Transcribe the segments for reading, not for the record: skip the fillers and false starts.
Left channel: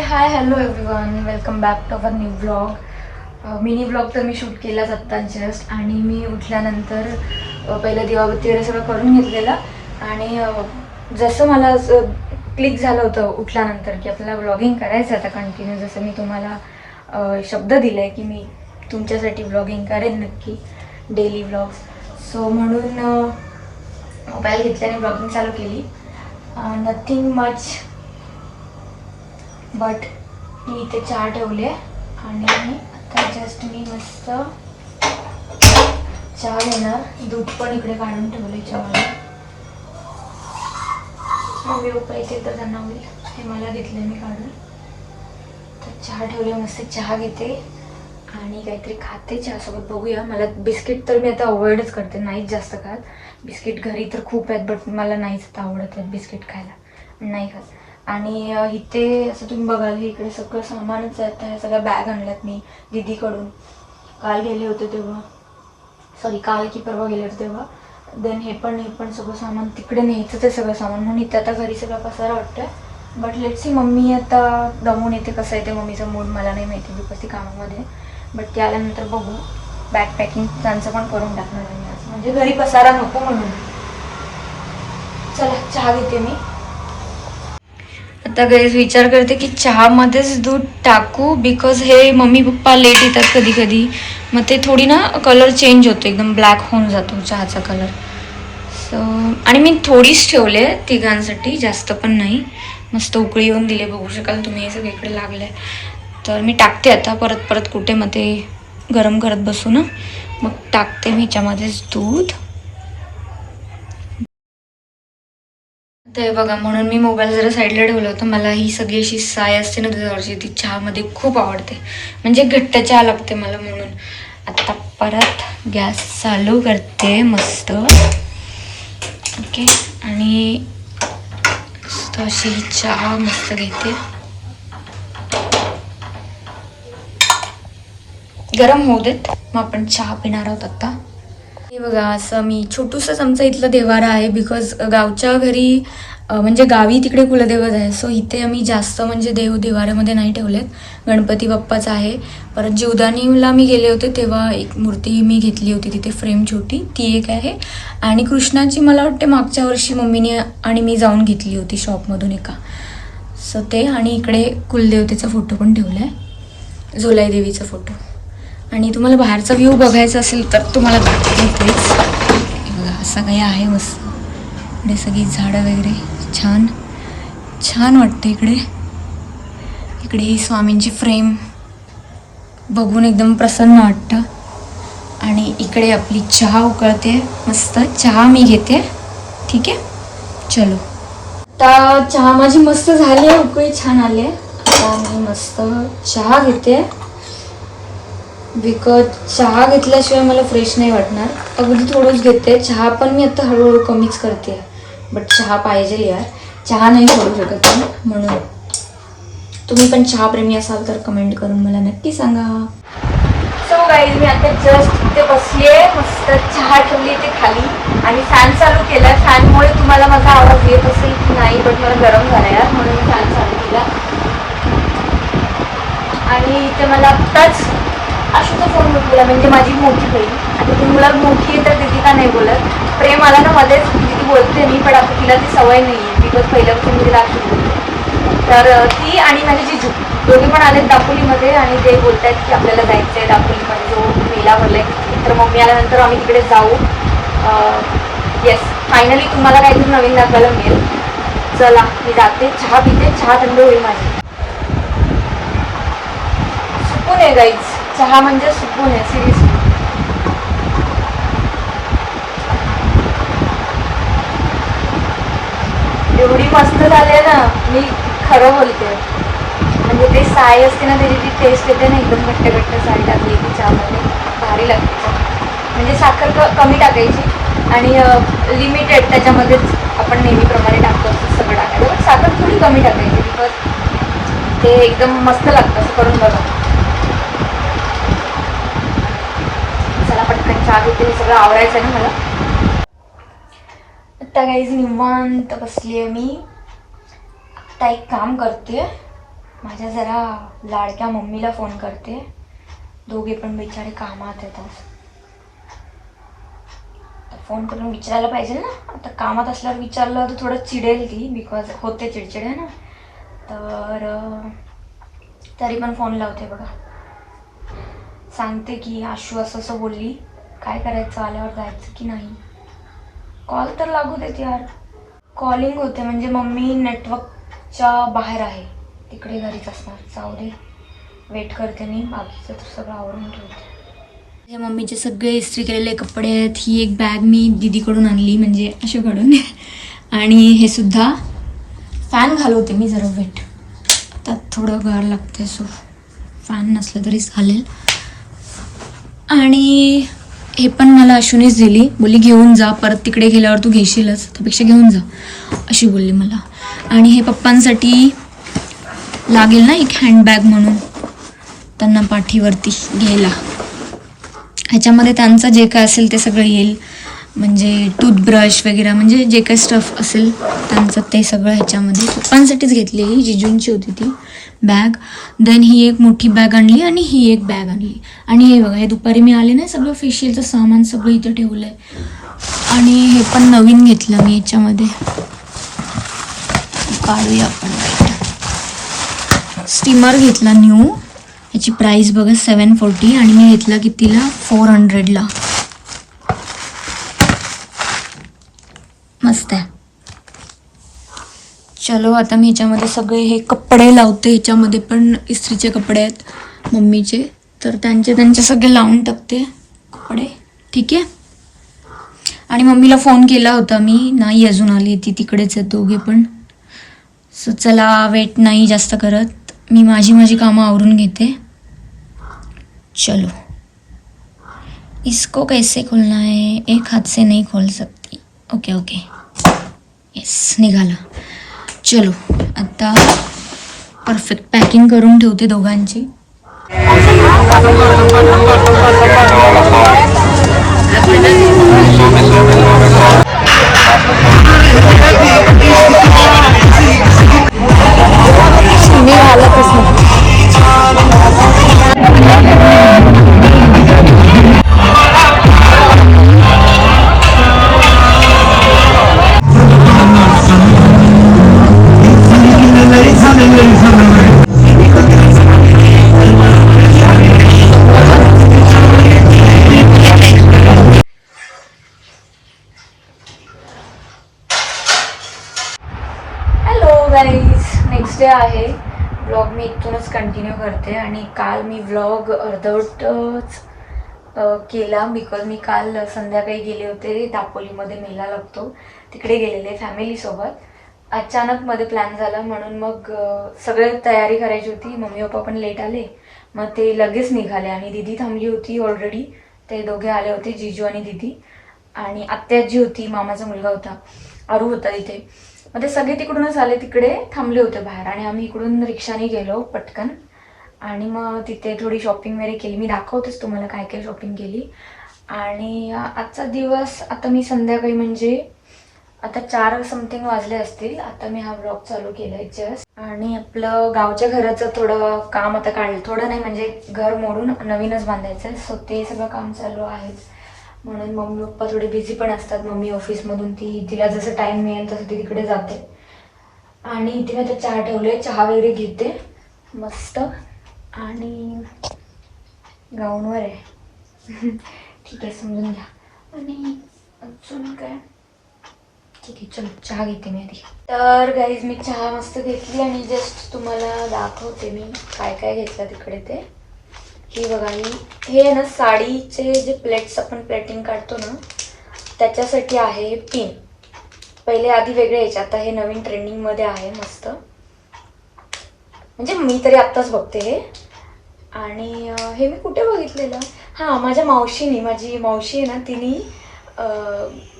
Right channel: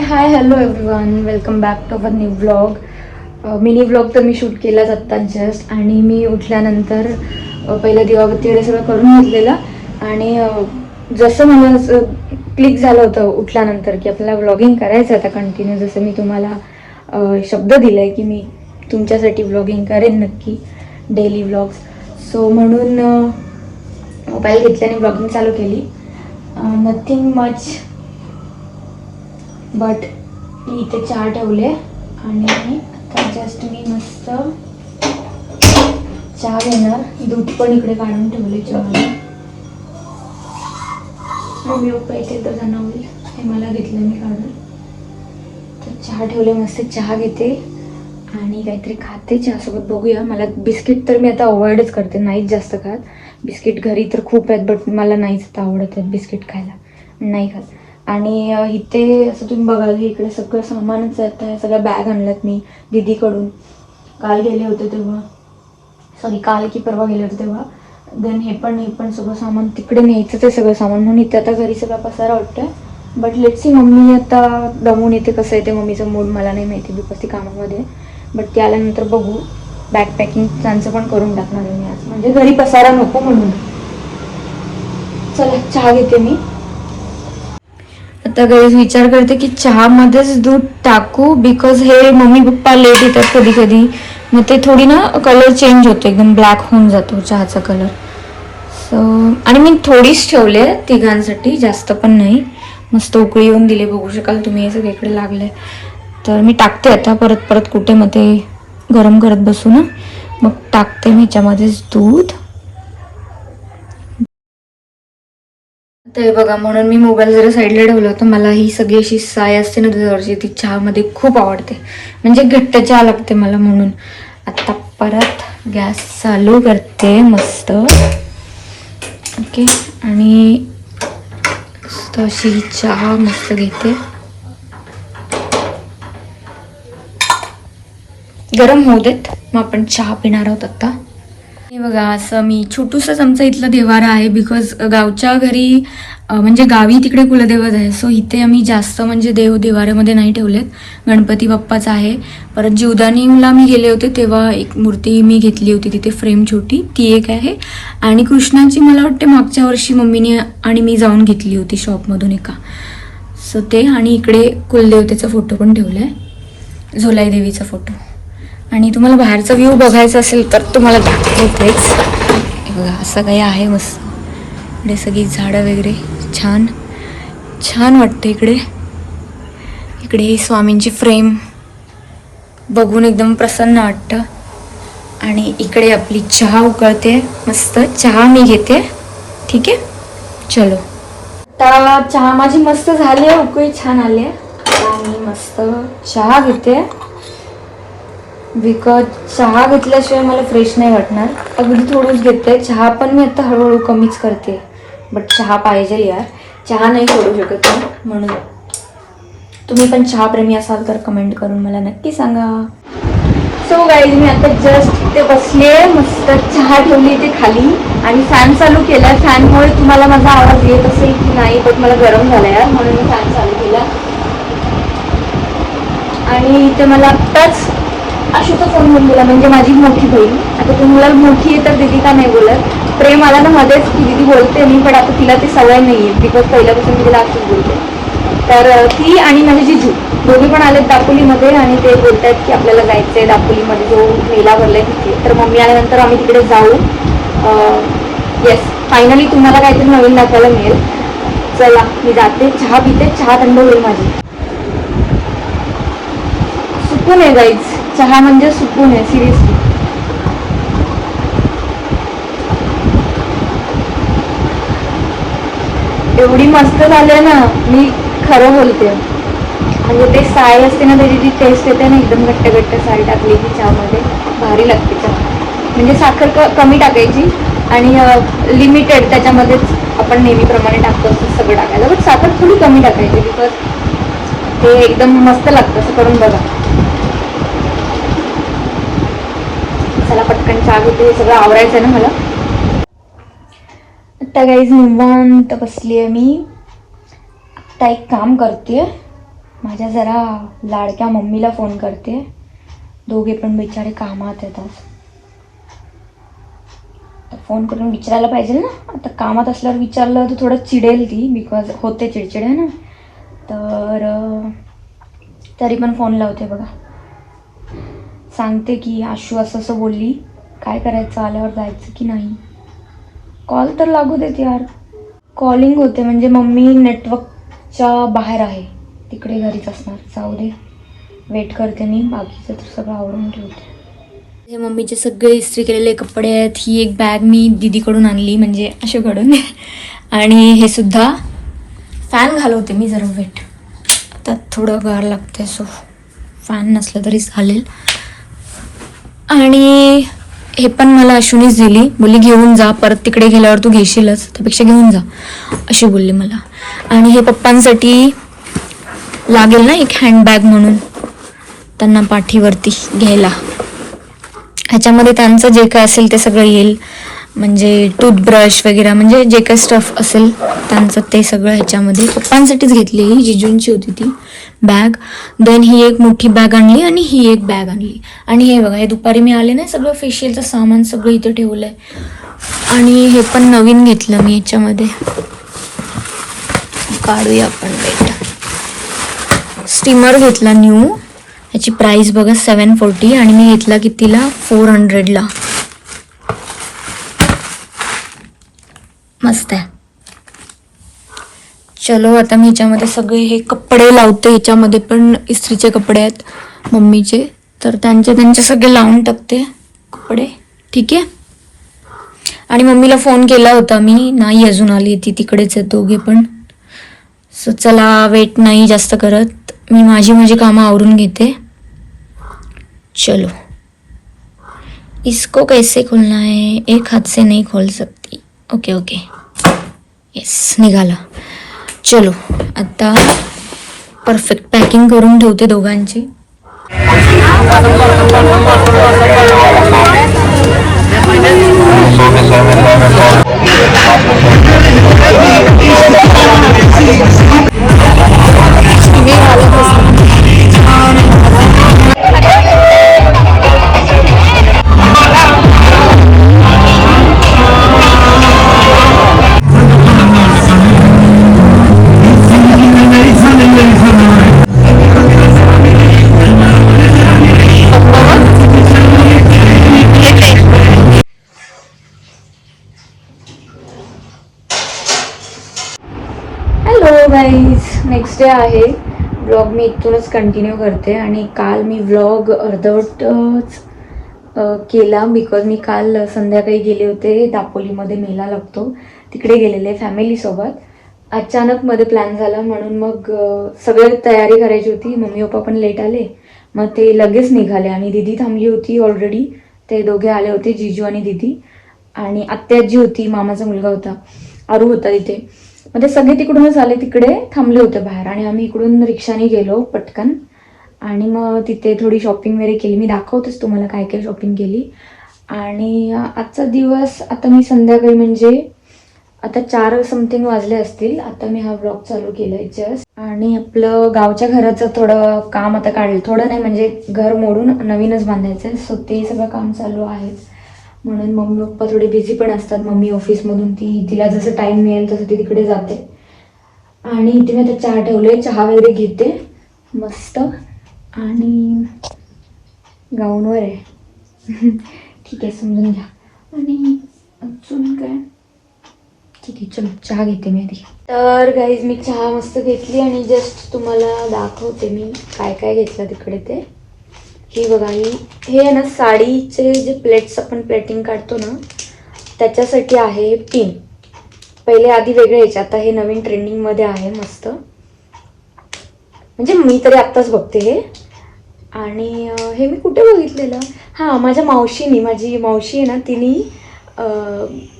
High hello everyone, welcome back to our new vlog. Mini vlog तर मी shoot केलाच आत्ता जस्ट. आणि मी उठल्यानंतर पहिलं दिवाबत्ती वगैरे सगळं करून घेतलेलं. आणि जसं मला असं क्लिक झालं होतं उठल्यानंतर की आपल्याला व्लॉगिंग करायचं आता कंटिन्यू, जसं मी तुम्हाला शब्द दिला आहे की मी तुमच्यासाठी व्लॉगिंग करेन नक्की, डेली व्लॉग्स. सो म्हणून मोबाईल घेतल्याने व्लॉगिंग चालू केली. नथिंग मच, बट मी इथे चहा ठेवले आणि आता जस्ट मी मस्त चहा घेणार. दूध पण इकडे काढून ठेवले चहाला. मम्मी पप्पा इथे तर जाणार होईल, हे मला घेतले मी काढून. तर चहा ठेवले, मस्त चहा घेते आणि काहीतरी खाते चहासोबत. बघूया, मला बिस्किट तर मी आता अवॉइडच करते, नाहीच जास्त खात. बिस्किट घरी तर खूप आहेत, बट मला नाहीच आता आवडत आहेत बिस्किट खायला, नाही खात. आणि इथे असं तुम्ही बघाल की इकडे सगळं सामानच आहे. सगळ्या बॅग आणल्यात मी दीदीकडून. काल गेले होते तेव्हा, सॉरी काल की परवा गेले होते तेव्हा. देन हे पण सगळं सामान तिकडे न्यायचंच आहे, सगळं सामान. म्हणून इथे आता घरी सगळा पसारा वाटतोय. बट लेट्स सी, मम्मी आता दमून येते, कसं येते मम्मीचं मूड मला नाही माहिती, बिकॉज ती कामामध्ये. बट ते आल्यानंतर बघू. बॅग पॅकिंग त्यांचं पण करून टाकणार आहे मी आज, म्हणजे घरी पसारा नको म्हणून. चला चहा घेते मी आता. गाईज विचार करते की चहामध्येच दूध टाकू, बिकॉज हे मम्मी पप्पा लेट येतात कधी कधी, मग ते थोडी ना कलर चेंज होतो, एकदम ब्लॅक होऊन जातो चहाचा कलर. सो आणि मी थोडीच ठेवले तिघांसाठी, जास्त पण नाही. मस्त उकळी येऊन दिले, बघू शकाल तुम्ही, हे सगळीकडे लागले. तर मी टाकते आता, परत परत कुठे मग ते गरम करत बसू ना. मग टाकते मी ह्याच्यामध्येच दूध. ते बघा, म्हणून मी मोबाईल जरा साईडला ठेवला होता. मला ही सगळी अशी साय असते ना दुधावरची, ती चहामध्ये खूप आवडते, म्हणजे घट्ट चहा लागते मला. म्हणून आता परत गॅस चालू करते मस्त. ओके, आणि मस्त अशी ही चहा मस्त घेते. गरम होऊ देत, मग आपण चहा पिणार आहोत आता. हे बघा, असं मी छोटूसंच आमचा इथलं देवारा आहे, बिकॉज गावच्या घरी म्हणजे गावी तिकडे कुलदैवत आहे. सो इथे आम्ही जास्त म्हणजे देव देवाऱ्यामध्ये नाही ठेवलेत. गणपती बाप्पाचा आहे. परत जीवदानीला मी गेले होते तेव्हा एक मूर्ती मी घेतली होती तिथे, फ्रेम छोटी, ती एक आहे. आणि कृष्णाची मला वाटते मागच्या वर्षी मम्मीने आणि मी जाऊन घेतली होती शॉपमधून एका. सो ते, आणि इकडे कुलदेवतेचा फोटो पण ठेवला आहे, झोलाई देवीचा फोटो. आणि तुम्हाला बाहेरचा व्ह्यू बघायचा असेल तर तुम्हाला दाखवतेच. बघा, असं काही आहे मस्त. इकडे सगळी झाडं वगैरे छान छान वाटते इकडे. इकडे ही स्वामींची फ्रेम बघून एकदम प्रसन्न वाटतं. आणि इकडे आपली चहा उकळते, मस्त चहा मी घेते. ठीक आहे, चलो. आता चहा माझी मस्त झाली आहे, उकळी छान आली आहे. आता मी मस्त चहा घेते, बिकॉज चहा घेतल्याशिवाय मला फ्रेश नाही वाटणार. अगदी थोडंच घेते चहा, पण मी आता हळूहळू कमीच करते. बट चहा पाहिजे यार, चहा नाही सोडू शकत मी. म्हणून तुम्ही पण चहा प्रेमी असाल तर कमेंट करून मला नक्की सांगा. सो गाईज, मी आता जस्ट इथे बसले, मस्त चहा ठेवली इथे खाली आणि फॅन चालू केला. फॅनमुळे तुम्हाला माझा आवाज येत असेल की नाही, बट मला गरम झाला यार, म्हणून मी फॅन चालू केला. आणि इथे मला आत्ताच अशोचा फोन होऊन गेला, म्हणजे माझी मोठी बहीण. आता तुम्ही मला मोठी तर दीदी का नाही बोलत, प्रेम आला ना मध्येच की दीदी बोलते मी, पण आता तिला ती सवय नाही आहे, बिकॉज पहिल्यापासून मी तिला अशीच बोलते. तर ती आणि माझे जिजू दोघे पण आलेत दापोलीमध्ये, आणि ते बोलत आहेत की आपल्याला जायचं आहे दापोलीमध्ये, जो मेला भरला आहे तिथे. तर मम्मी आल्यानंतर आम्ही तिकडे जाऊ. येस, फायनली तुम्हाला काहीतरी नवीन दाखवायला मिळेल. चला मी जाते, चहा पिते, चहा थंड होईल माझी. सुकून आहे गाईज, चहा म्हणजे सुकून आहे, सिरियसली. एवढी मस्त झाले ना, मी खरं बोलते. म्हणजे ते साय असते ना, त्याची जी टेस्ट येते ना, एकदम घट्ट घट्ट साय टाकली की चहामध्ये, भारी लागते चहा. म्हणजे साखर कमी टाकायची आणि लिमिटेड, त्याच्यामध्येच आपण नेहमीप्रमाणे टाकतो असं सगळं टाकायचं, बट साखर थोडी कमी टाकायची, बिकॉज ते एकदम मस्त लागतं. असं करून बघा. चला पटकन चहा घेते, सगळं आवरायचं आहे ना मला. आता गाईज निवांत बसली आहे मी. आता एक काम करते, माझ्या जरा लाडक्या मम्मीला फोन करते. दोघे पण बिचारे कामात येतात. तर फोन करून विचारायला पाहिजे ना. आता कामात असल्यावर विचारलं तर थोडं चिडेल ती, बिकॉज होते चिडचिड आहे ना. तर तरी पण फोन लावते बघा. सांगते की आशू असं असं बोलली, काय करायचं, आल्यावर जायचं की नाही. कॉल तर लागू देत यार. कॉलिंग होते म्हणजे मम्मी नेटवर्कच्या बाहेर आहे, तिकडे घरीच असणार. जाऊ दे, वेट करते मी. बाकीचं तर सगळं आवरून ठेवते. हे मम्मीचे सगळे इस्त्री केलेले कपडे आहेत. ही एक बॅग मी दीदीकडून आणली, म्हणजे असे घडून. आणि हे सुद्धा फॅन घालवते मी जरा, वेट, त्यात थोडं गार लागते, सो फॅन नसलं तरी चालेल. आणि हे पण मला अश्विनीच दिली, बोलली घेऊन जा, परत तिकडे गेल्यावर तू घेशीलच, त्यापेक्षा घेऊन जा अशी बोलली मला. आणि हे पप्पांसाठी लागेल ना एक हँडबॅग म्हणून, त्यांना पाठीवरती घ्यायला. ह्याच्यामध्ये त्यांचं जे काय असेल ते सगळं येईल, म्हणजे टूथब्रश वगैरे, म्हणजे जे काय स्टफ असेल त्यांचं ते सगळं ह्याच्यामध्ये. पप्पांसाठीच घेतली, ही जिजूंची होती ती बॅग. देन ही एक मोठी बॅग आणली आणि ही एक बॅग आणली. आणि हे बघा, हे दुपारी मी आले ना, सगळं फेशियलचं सामान सगळं इथे ठेवलं आहे. आणि हे पण नवीन घेतलं मी ह्याच्यामध्ये. काढूया आपण, स्टीमर घेतला न्यू. याची प्राइस बघा 740 आणि मी घेतला कितीला, 400ला. मस्त आहे. चलो, आता मी ह्याच्यामध्ये सगळे हे कपडे लावते. ह्याच्यामध्ये पण इस्त्रीचे कपडे आहेत मम्मीचे, तर त्यांचे सगळे लावून टाकते कपडे. ठीक आहे. आणि मम्मीला फोन केला होता मी, नाही अजून आली, ती तिकडेच आहे दोघे पण. सो चला, वेट नाही जास्त करत, मी माझी कामं आवरून घेते. चलो, इसको कैसे खोलना है, एक हाथ से नहीं खोल सकती. ओके ओके, येस, निघाला. चलो, आता परफेक्ट पॅकिंग करून ठेवते दोघांची. नेक्स्ट डे आहे. व्लॉग मी इथूनच कंटिन्यू करते. आणि काल मी व्लॉग अर्धवटच केला, बिकॉज मी काल संध्याकाळी गेले होते दापोलीमध्ये, मेला लागतो तिकडे गेलेले फॅमिलीसोबत. अचानक मध्ये प्लॅन झाला, म्हणून मग सगळी तयारी करायची होती. मम्मी पप्पा पण लेट आले, मग ते लगेच निघाले. आणि दीदी थांबली होती ऑलरेडी, ते दोघे आले होते, जिजू आणि दीदी. आणि आत्याजी होती, मामाचा मुलगा होता, आरू होता इथे. मग ते सगळे तिकडूनच आले, तिकडे थांबले होते बाहेर. आणि आम्ही इकडून रिक्षाने गेलो पटकन. आणि मग तिथे थोडी शॉपिंग वगैरे केली. मी दाखवतेच तुम्हाला काय काय शॉपिंग केली. आणि आजचा दिवस, आता मी संध्याकाळी म्हणजे आता 4 समथिंग वाजले असतील, आता मी हा व्लॉग चालू केलाय जस्ट. आणि आपलं गावच्या घराचं थोडं काम आता काढलं, थोडं नाही म्हणजे घर मोडून नवीनच बांधायचं, सो ते सगळं काम चालू आहे. म्हणून मम्मी पप्पा थोडे बिझी पण असतात. मम्मी ऑफिसमधून तिला जसं टाईम मिळेल तसं ती तिकडे जाते. आणि इथे मी आता चहा ठेवले, चहा वगैरे घेते मस्त. आणि गाऊनवर आहे. ठीक आहे, समजून घ्या. आणि अजून काय, ठीक आहे, चलो चहा घेते मी आधी. तर गाईज, मी चहा मस्त घेतली आणि जस्ट तुम्हाला दाखवते मी काय काय घेतलं तिकडे ते. ही बघा, हे आहे ना साडीचे जे प्लेट्स आपण प्लेटिंग काढतो ना, त्याच्यासाठी आहे पिन. पहिले आधी वेगळे यायचे, आता हे नवीन ट्रेंडिंगमध्ये आहे मस्त. म्हणजे मी तरी आत्ताच बघते हे. आणि हे मी कुठे बघितलेलं, हां, माझ्या मावशीने, माझी मावशी आहे ना, तिने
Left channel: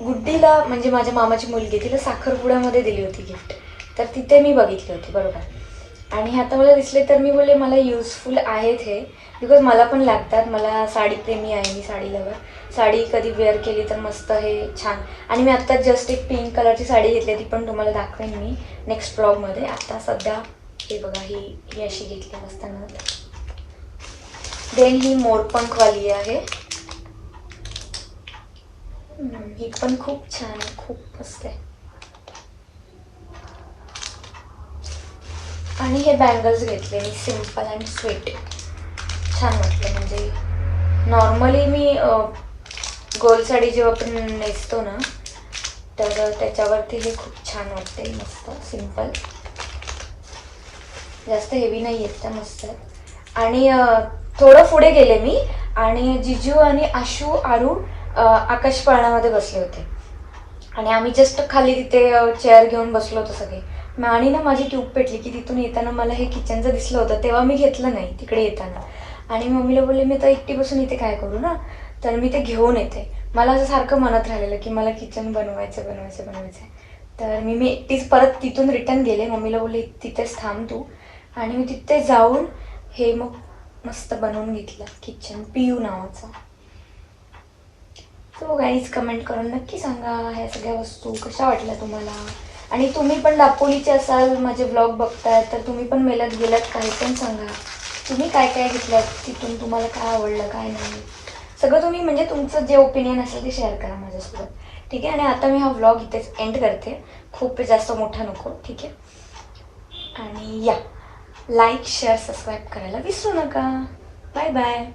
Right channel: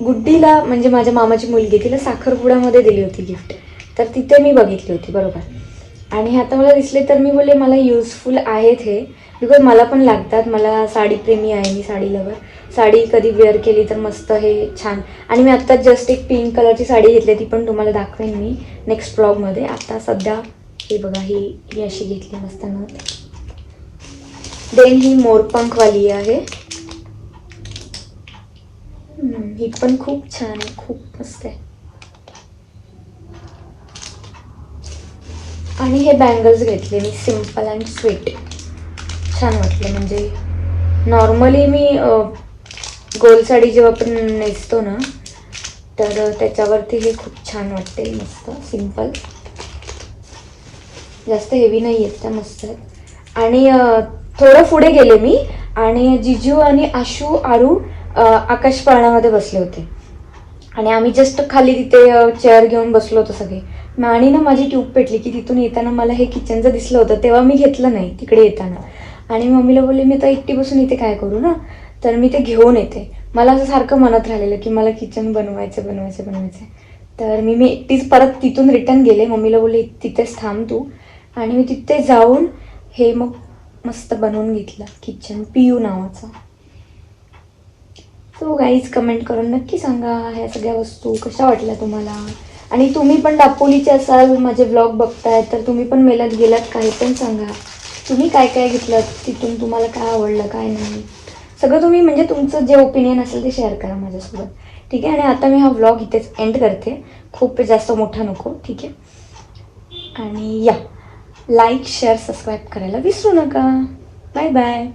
गुड्डीला, म्हणजे माझ्या मामाची मुलगी, तिला साखरपुड्यामध्ये दिली होती गिफ्ट, तर तिथे मी बघितली होती बरोबर. आणि हे आता मला दिसले, तर मी बोलले मला युजफुल आहेत हे, बिकॉज मला पण लागतात. मला साडीप्रेमी आहे मी, साडी लवर. साडी कधी वेअर केली तर मस्त हे छान. आणि मी आत्ता जस्ट एक पिंक कलरची साडी घेतली, ती पण तुम्हाला दाखवेन मी नेक्स्ट ब्लॉगमध्ये. आता सध्या ही बघा, ही अशी घेतली मस्त नथ. देन ही मोरपंखवाली आहे. ही पण खूप छान आहे, खूप मस्त आहे. आणि हे बँगल्स घेतले मी, सिम्पल अँड स्वीट, छान वाटले. म्हणजे नॉर्मली मी गोल साडी जेव्हा आपण नेसतो ना, तर त्याच्यावरती हे खूप छान वाटते. मस्त सिम्पल, जास्त हेवी नाही आहेत त्या, मस्त आहेत. आणि थोडं पुढे गेले मी आणि जिजू आणि आशू आरू आकाश पाळण्यामध्ये बसले होते आणि आम्ही जस्ट खाली तिथे चेअर घेऊन बसलो होतो सगळे. आणि ना माझी ट्यूब पेटली की तिथून येताना मला हे किचनचं दिसलं होतं, तेव्हा मी घेतलं नाही तिकडे येताना. आणि मम्मीला बोलले मी आता एकटी बसून इथे काय करू ना, तर मी ते घेऊन येते. मला असं सारखं मनात राहिलेलं की मला किचन बनवायचं. तर मी एकटीच परत तिथून रिटर्न गेले. मम्मीला बोलले तिथेच थांब तू, आणि मी तिथे जाऊन हे मग मस्त बनवून घेतलं किचन, पियू नावाचं. सो गाईज, कमेंट करून नक्की सांगा ह्या सगळ्या वस्तू कशा वाटल्या तुम्हाला. आणि तुम्ही पण दापोलीचे असाल, माझे व्लॉग बघताय, तर तुम्ही पण मेल्यात गेलात, काही पण सांगा. तुम्ही काय काय घेतलं, तिथून तुम्हाला काय आवडलं काय नाही, सगळं तुम्ही म्हणजे तुमचं जे ओपिनियन असेल ते शेअर करा माझ्यासोबत, ठीक आहे. आणि आता मी हा व्लॉग इथेच एंड करते, खूप जास्त मोठा नको, ठीक आहे. आणि या, लाईक शेअर सबस्क्राईब करायला विसरू नका. Bye bye.